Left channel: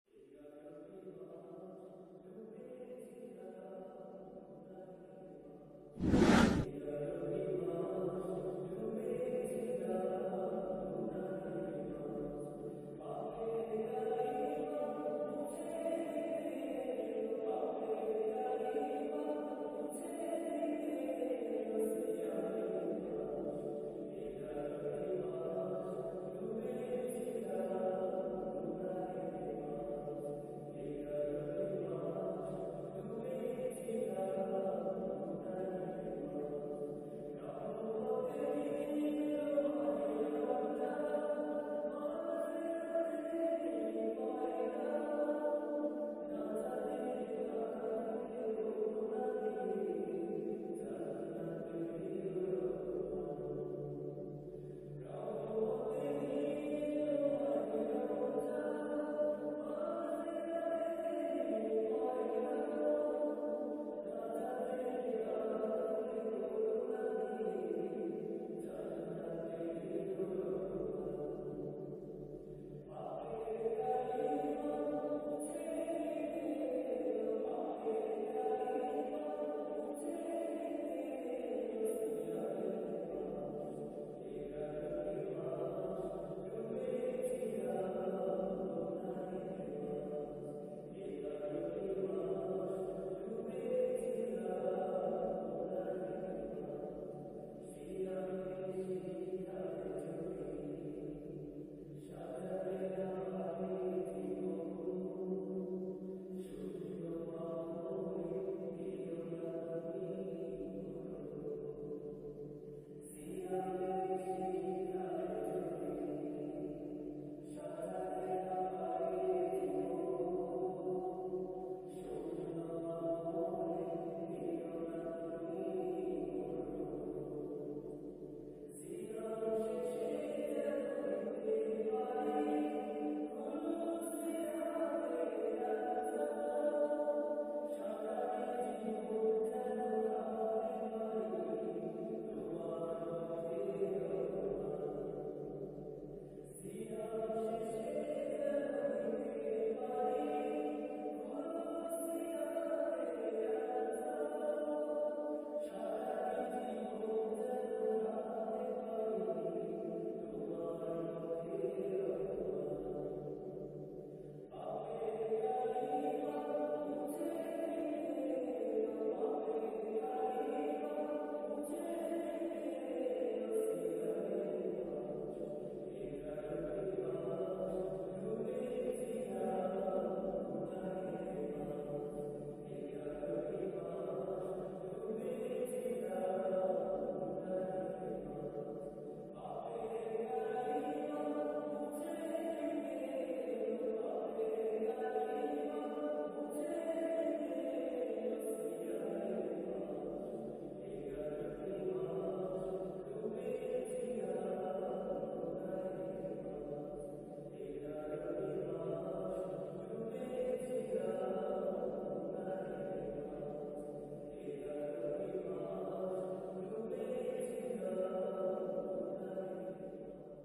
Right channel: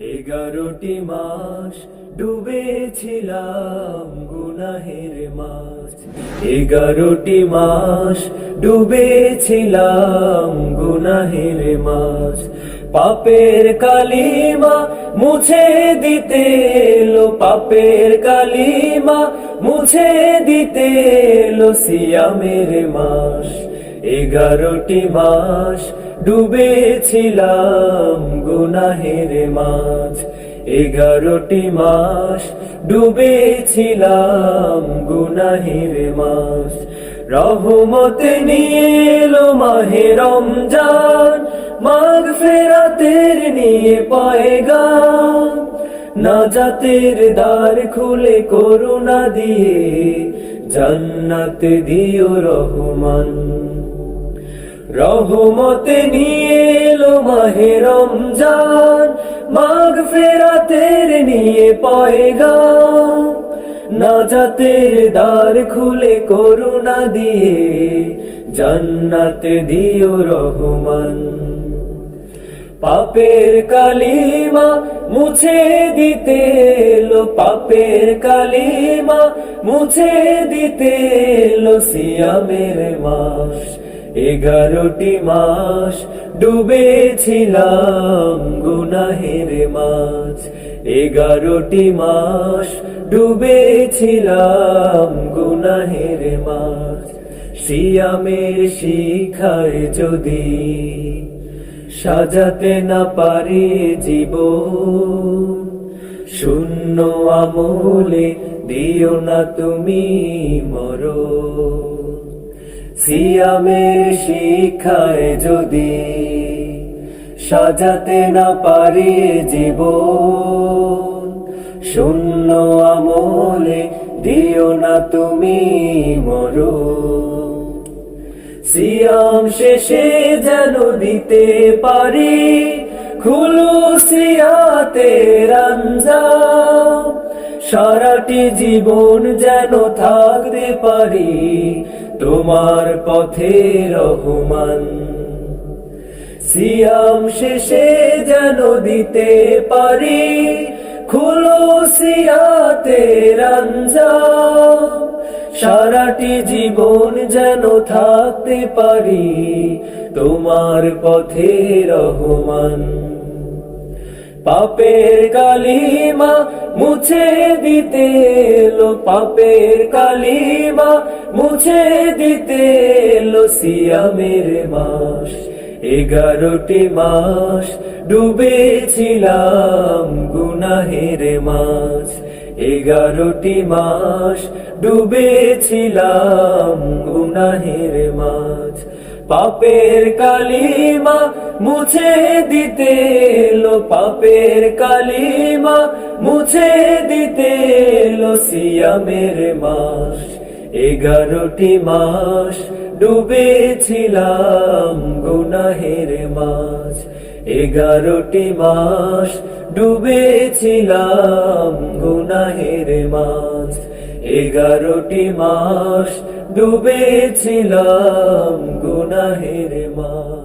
এগারোটি মাস ডুবেছিলাম গুনাহের মাছ। এগারোটি মাস ডুবেছিলাম গুনাহের মাছ। পাপের কালিমা মুছে দিতে এলো, পাপের কালিমা মুছে দিতে এলো সিয়ামের মাস। এগারোটি মাস ডুবেছিলাম গুনাহের মাছ এগারোটি মাস ডুবেছিলাম গুনাহের মাছ রহমত নিয়ে মাহে রমজান, মাঘ ফেরাতের নিয়ে পায়গাম। নাজাতের দ্বার খুলে করুণা দিয়ে জান্নাত দিও রহমান। রহমতে নিয়ে এলো মাহে রমজান, মাঘ ফেরাতের নিয়ে পয়গা নাজাতের দ্বার খুলে করুণা দিয়ে, জান্নাত দিও রহমান। পাপের কালিমা মুছে দিতে এলো, পাপের কালিমা মুছে দিতে এলো, সিয়ামের মাস। এগারোটি মাস ডুবেছিলাম গুনাহের মাছ এগারোটি মাস ডুবেছিলাম গুনাহের মাছ সিয়ামের শিখায় যদি সাজাতে না পারে জীব শূন্য আমলে দিও না তুমি মরো সিয়ামের শিখায় যদি সাজাতে না পারি জীব শূন্য আমলে দিও না তুমি মরো সিয়াম শেষে যেন দিতে পারি, খুলু সিয়াতে রঞ্জা সারাটি জীবন যেন থাকতে পারি তোমার পথে রহমান। সিয়াম শেষে যেন দিতে পারি, খুলো সিয়াতে রঞ্জা সারাটি জীবন যেন থাকতে পারি, তোমার পথে রহমান। পাপের কালিমা মুছে দিতে এলো, পাপের কালিমা মুছে দিতে এলো সিয়ামের মাস। এগারোটি মাস ডুবেছিলাম গুনাহের মাছ এগারোটি মাস ডুবেছিলাম গুনাহের পাপের কালিমা মুছে দিতে এলো, পাপের কালিমা মুছে দিতে এলো সিয়ামের মাস। এগারোটি মাস ডুবেছিলাম গুনাহের মাছ এগারোটি মাস ডুবেছিলাম গুনাহের মাছ এগারোটি মাস ডুবেছিলাম গুনাহের মাছ